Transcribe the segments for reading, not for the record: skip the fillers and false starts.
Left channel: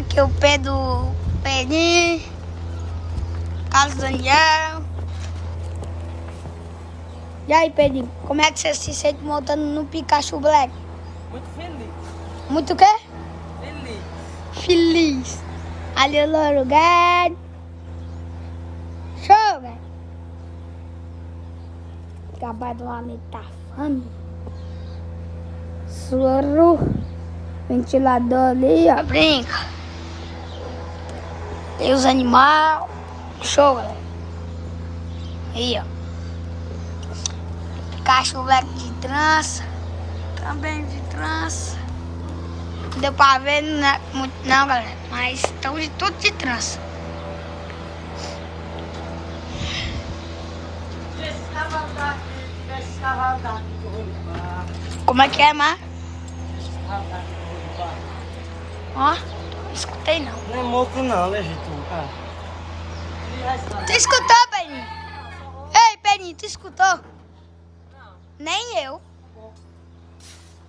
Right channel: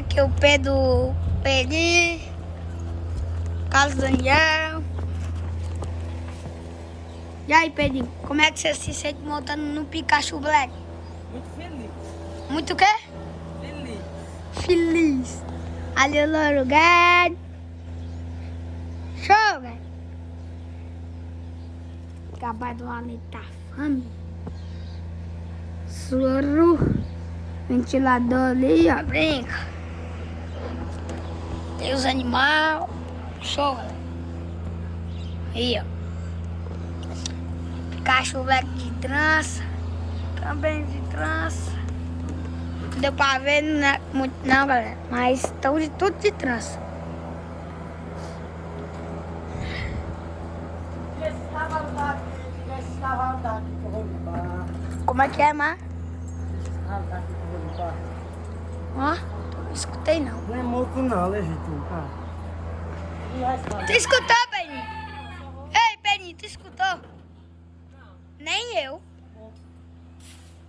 Aqui é o Pedro Perim, Carlos Daniel. E aí, Pedrinho, como é que você se sente montando no Pikachu Black? Muito feliz. Muito o quê? Feliz. Feliz. Ali o louro gato. Show, velho. Acabar do lado tá fome. Soro. Ventilador ali, ó. Brinca. Tem os animais. Show, galera. Aí, ó. Pikachu Black de trança. Também de trança. Não deu pra ver muito não, galera. Mas estão de tudo de trança. Esse cavalo daqui que eu vou limpar. Como é que é, Mar? Esse cavalo daqui que eu vou limpar. Ó, não escutei não. Não é moco não, legítimo, cara. Tu escutou, Peninho? Ei, Peninho, tu escutou? Não. Nem eu. Bom.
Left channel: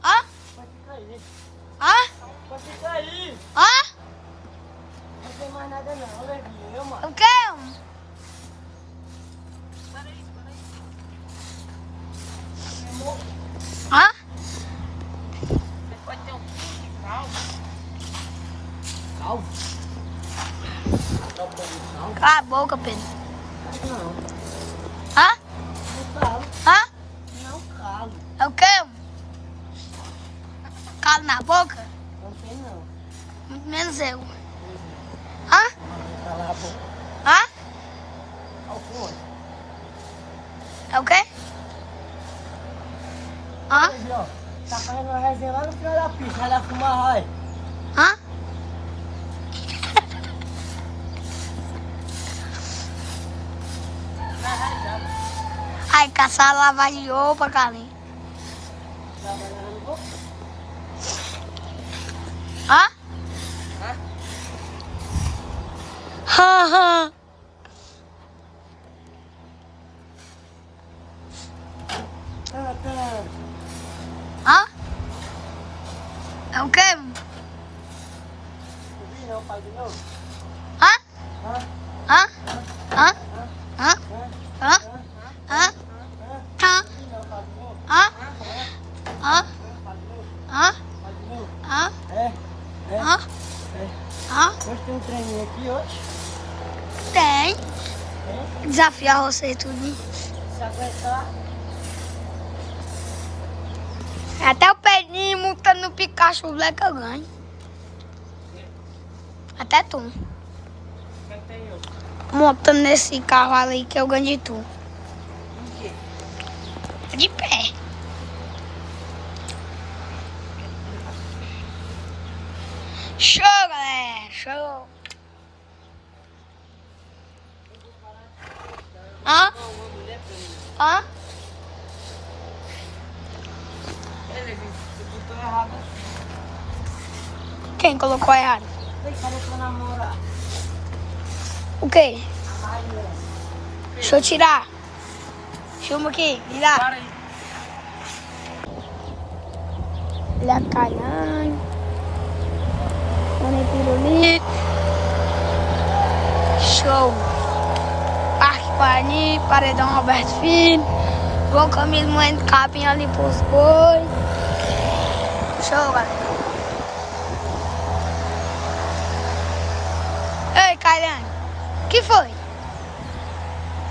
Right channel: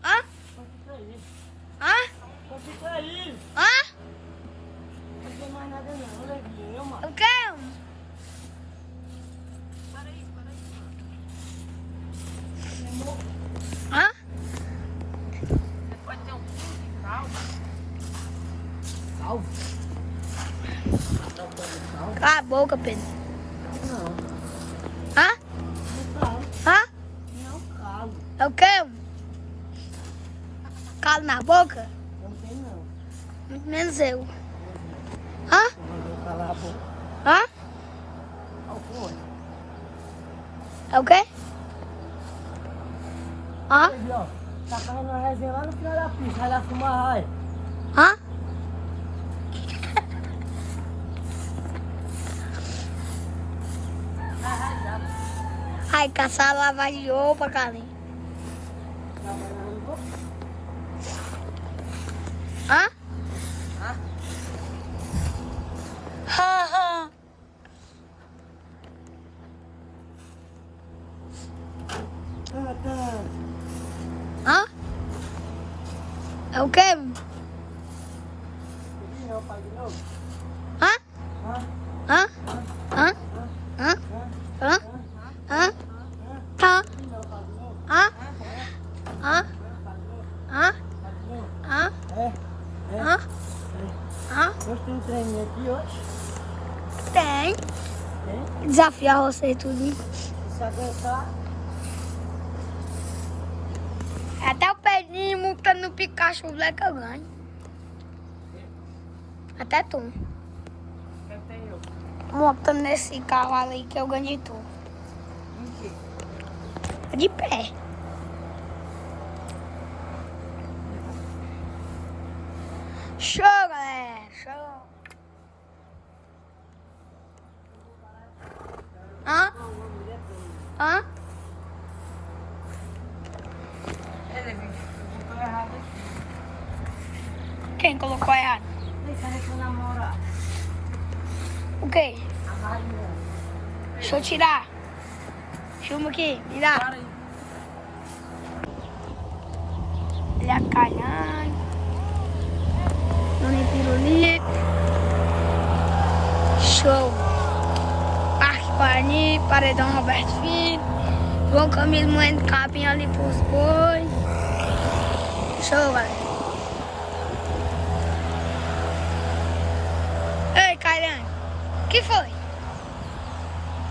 Ó, Só fica aí. ó, Só fica aí. ó. Não tem mais nada não, levinho, meu mano. O quê? Ó. Calvo. Tá bom, calvo? Cala a boca, Pedro. Não. Ó, Não calo. ó. Não calo. É o quê? Calo na boca? Não tem não. Muito menos eu. Ó, Não vou calar a boca. ó. Alcone. É o quê? Ó, Aí, ó. Tá fazendo uma resenha lá no final da pista. Vai lá fumar, vai. ó. Ai, caçar lavagem de roupa, Carlinhos. Trabalhando no corpo. Hã? Haha. Hã? É o quê? Não, pai, de novo. Hã? Hã? Hã? Hã? Hã? Hã? Hã? Tá. Não, pai, de novo. Hã? Hã? Pai, de novo. Hã? Pai, de novo. Hã? É. Hã? É. Hã? Hoje tem um treininho aqui hoje. Tem. Tem. Desafiar você tudo. Se aguentar. Até o Pedrinho montando no Pikachu Black eu ganho. Até tu. Quem tem eu? Montando nesse cavalo aí que eu ganho de tu. Em quê? De pé. Show, galera. Show. Hã? Hã? Ele botou errado aqui. Quem colocou errado? Ei, cadê tua namorada? O quê? A Mariana. Deixa eu tirar. Filma aqui, me dá. Para aí. Olha a Caiane. Dona Pirulito. Show. Parque Guarani, Paredão Roberto Filho. João Camilo moendo capim ali pros boi. Show, galera. Ei, Caiane. O que foi?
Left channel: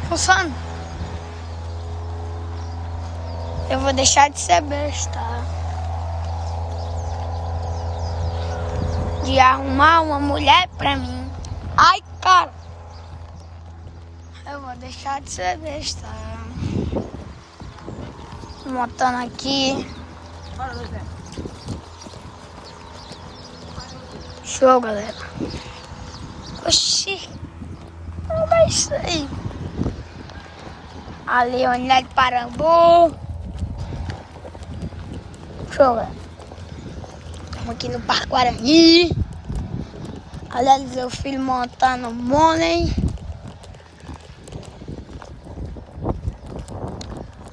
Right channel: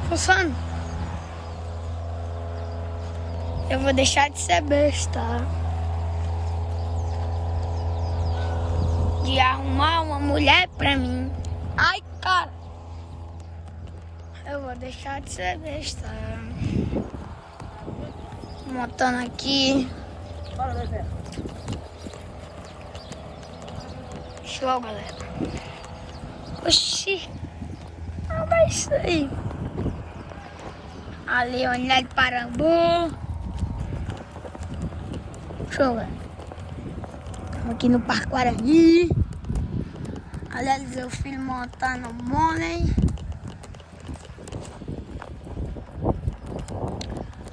Funciona? Eu vou deixar de ser besta. De arrumar uma mulher pra mim. Ai, cara. Eu vou deixar de ser besta. Montando aqui. Bora, Zé. Show, galera. Oxi. Não é isso aí. Ali, Unidade de Parambu. Show, galera. Estamos aqui no Parque Guarani. Aliás, meu filho montando o Money.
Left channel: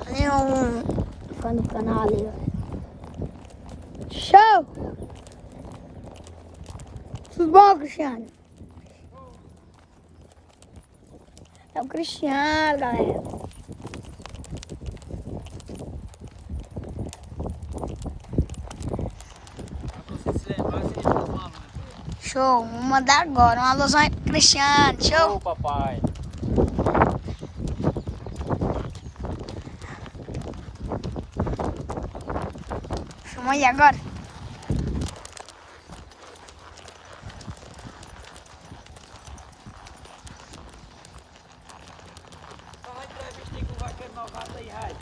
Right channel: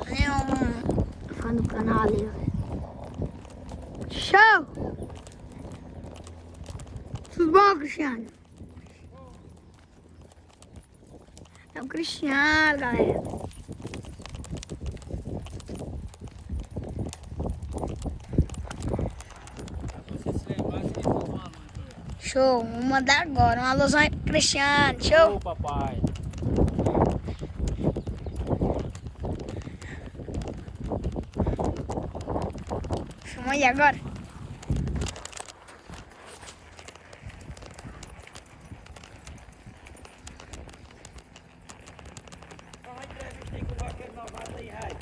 Ali um fã do canal ali, ó. Show! Tudo bom, Cristiano? É o Cristiano, galera. Show, vou mandar agora. Uma alusão aí pro Cristiano. Show? Ô, papai. Filma aí agora.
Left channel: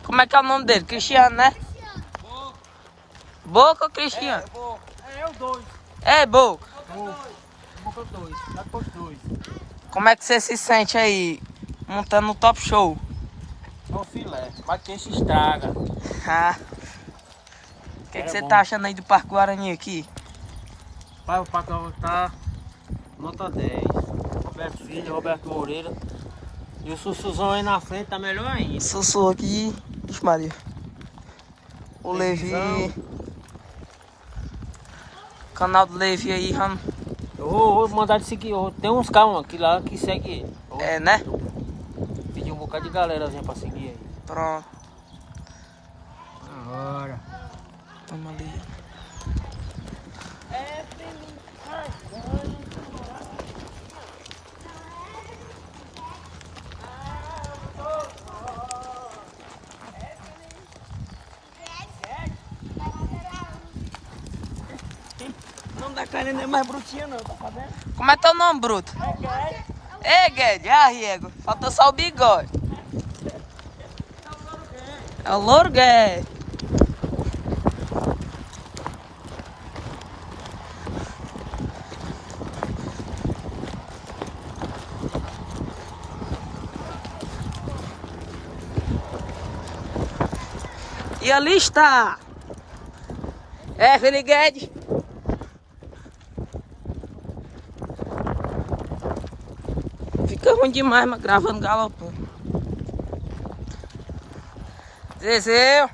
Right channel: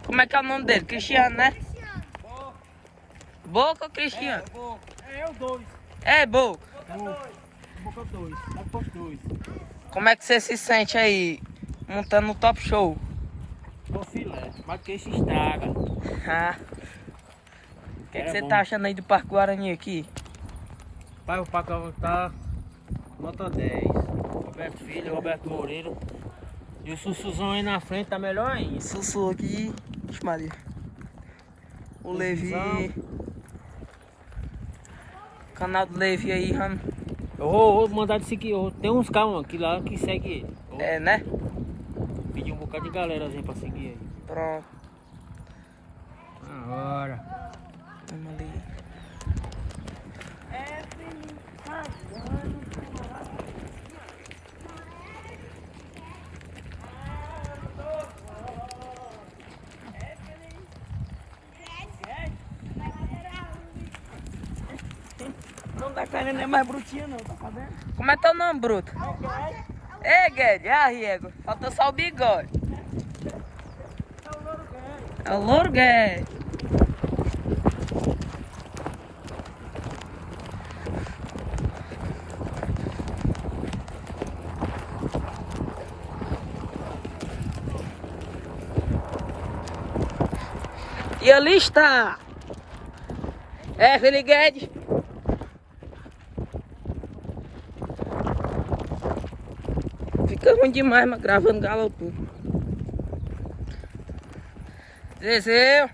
Como é que é o nome dele? Cristiano, né? Boca ou Cristiano? É o 2. É, Boca. Boca 2. Lá depois 2. Como é que você se sente aí montando o Top Show? É o filé. Mas que se estraga. Ah. O que, É você bom. tá achando aí do Parque Guarani aqui? Pai, o Pacão tá nota 10. Roberto Filho, Roberto Moreira. E o Sussuzão aí na frente tá melhor ainda. Sussu aqui. Ixi, Maria. O Levi. Canal do Levi aí, Rano. Eu vou mandar de seguir. Tem uns carros aqui lá que segue ele. É, né? Pedi um bocado de galera pra seguir ele. Pronto. Agora. Vamos ali. Não dá carne nem mais brutinha não, tá vendo? Como é teu nome, Bruto? Ei, Guedes, Riego. Falta só o bigode. É o Louro Guedes. E ali está. É, Felipe Guedes. Fica ruim demais, mas gravando galopando. Zezé.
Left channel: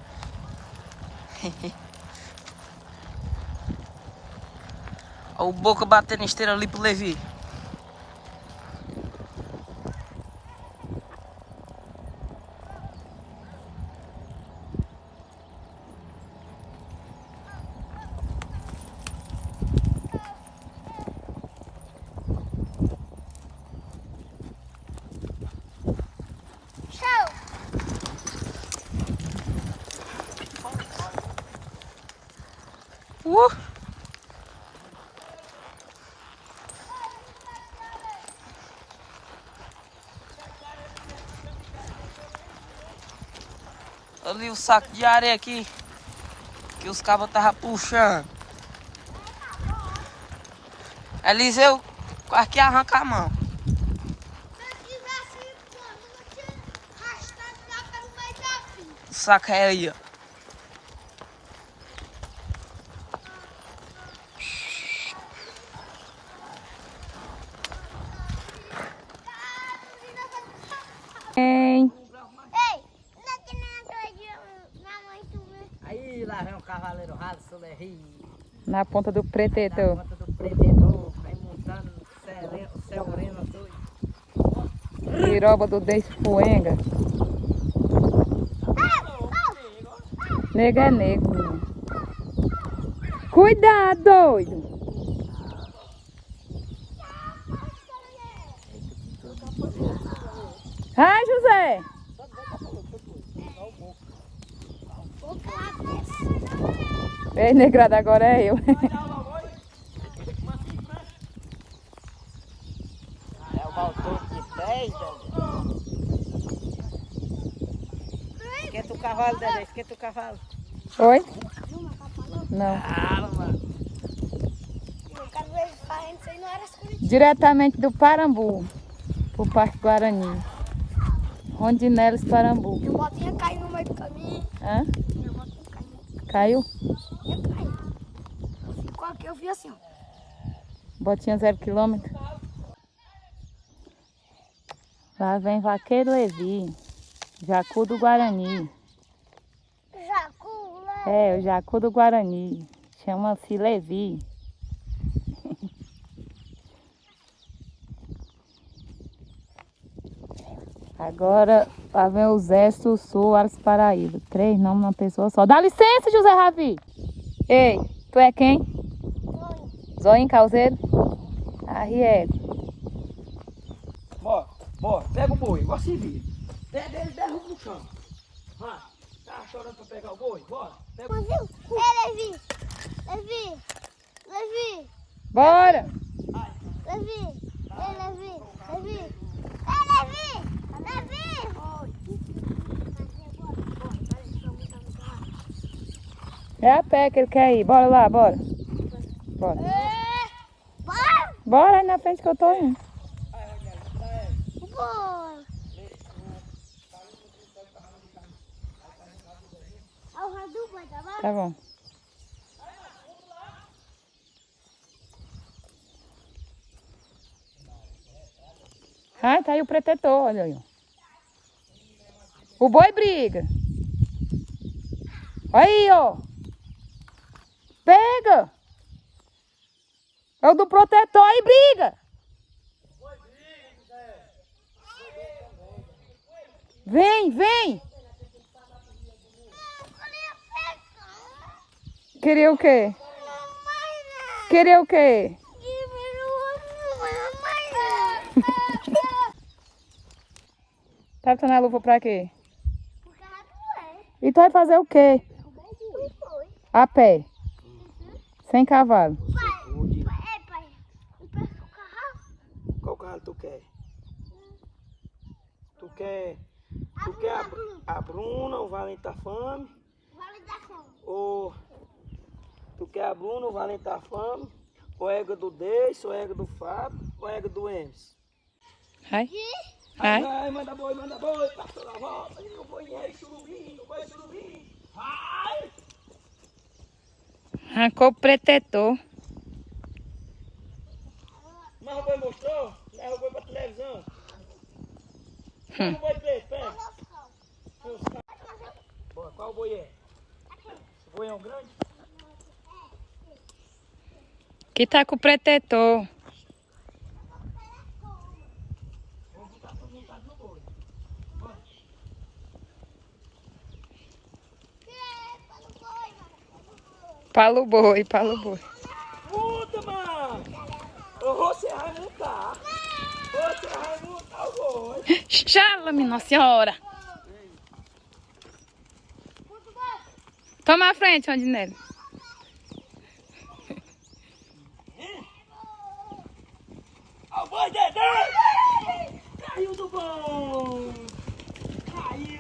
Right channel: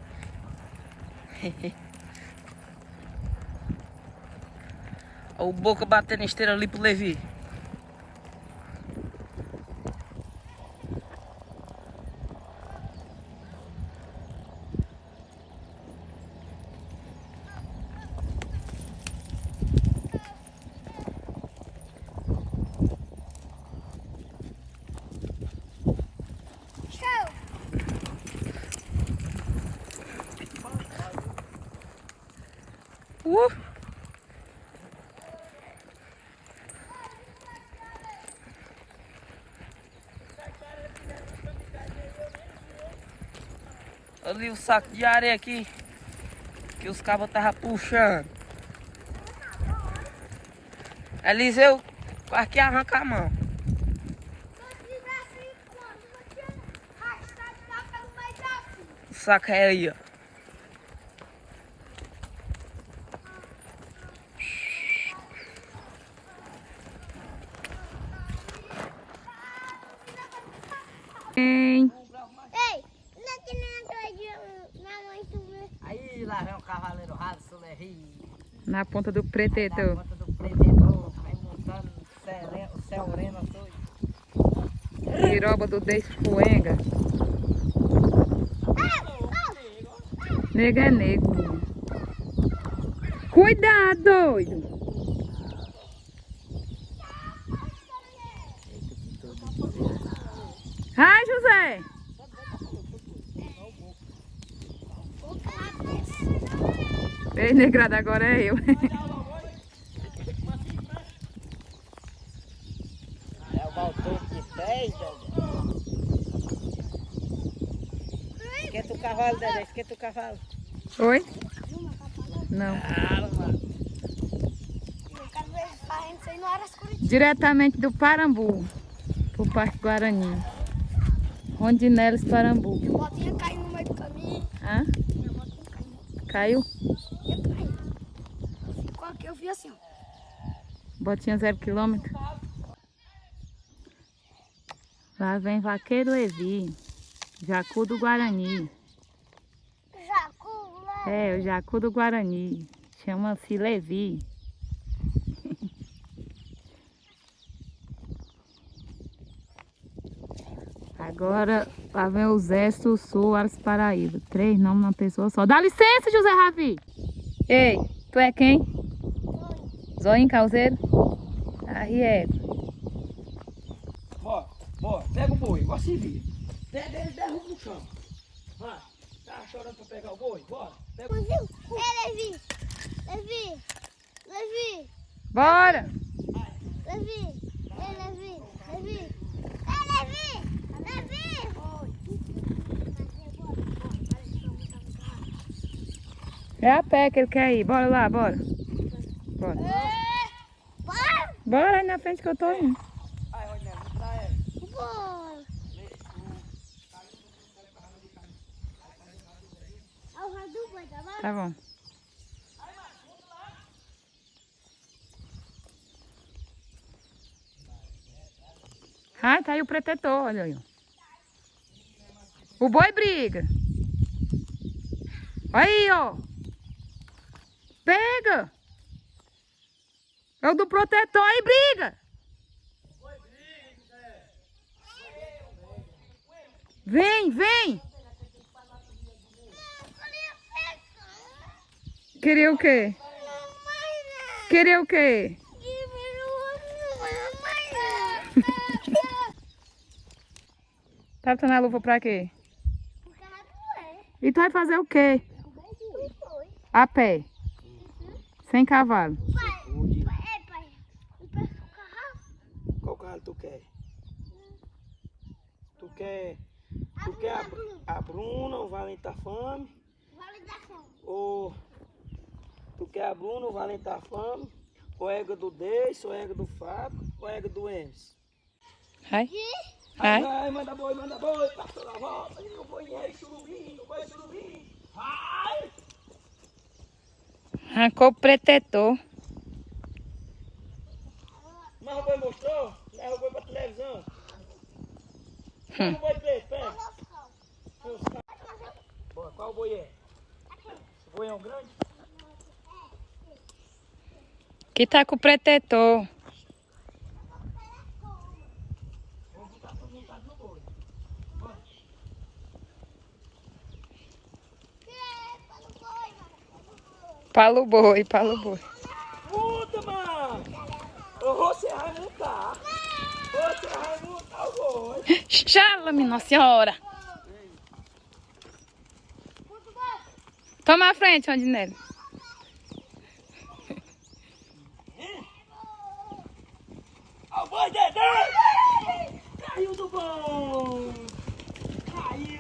Olha o Boca batendo esteira ali pro Levi. Show! Uh. Ali o saco de areia aqui que os cabos estavam puxando. Eliseu quase que arranca a mão. O saco é aí, ó. Ei, não é que nem aquela de minha mãe subiu. Aí lá vem o cavaleiro ralo, Solerri. Na ponta do pretetor. Bota do pretedor, vai montando céu moreno azul. Piroba do Despoenga. Nega é nego. Cuidado, doido. Ai, José. Ei, negrada, agora é eu. É o baltão de 10, Dedé. Esquenta o cavalo, Dedé, esquenta o cavalo. Oi? Não. Calma. Diretamente do Parambu pro Parque Guarani. Rondinelas, Parambu. Minha botinha caiu no meio do caminho. Hã? Minha botinha caiu. Caiu? Minha caiu. Ficou aqui, eu vi assim, ó. Botinha 0 km. Lá vem Vaqueiro Levi. Jacu do Guarani. Jacu, lá. É, o Jacu do Guarani. Chama-se Levi. Agora, lá vem o Zé Sussu, Alice Paraíba. 3 nomes numa pessoa só. Dá licença, José Ravi. Ei, tu é quem? Zoinho Calzeiro? Arriego. Bora, pega o boi, igual se vira. Derruba no chão. Vai, tá chorando pra pegar o boi? Bora, pega o boi. Levi! Bora! Levi! É a pé que ele quer ir. Bora lá, bora. Bora. Bora aí na frente que eu tô indo. Bora! Tá bom. Ah, tá aí o protetor, olha aí. O boi briga. Aí, ó. Pega. É o do protetor aí, briga. Vem. Queria o quê? Queria o quê? Tá botando a luva pra quê? E tu vai fazer o quê? A pé. Sem cavalo. Qual carro tu quer? Tu quer a Bruna, o Valente da Fome? Ou tu quer a Bruna, o Valente da Fome? Ou a égua do Deixo, ou a égua do Fábio, ou a égua do Emes? Vai. Vai, manda boi, passou na volta, o boi é surubim, vai! Arrancou o protetor. Mas o boi mostrou? Leva o boi pra televisão. Leva o boi preto, pega. Bora, qual boi é? O boi é um grande? Que tá com o protetor. Palo boi. Puta, mano! Você vai montar. Você vai montar o boi. Xala, minha senhora. Toma a frente, Rondinelli.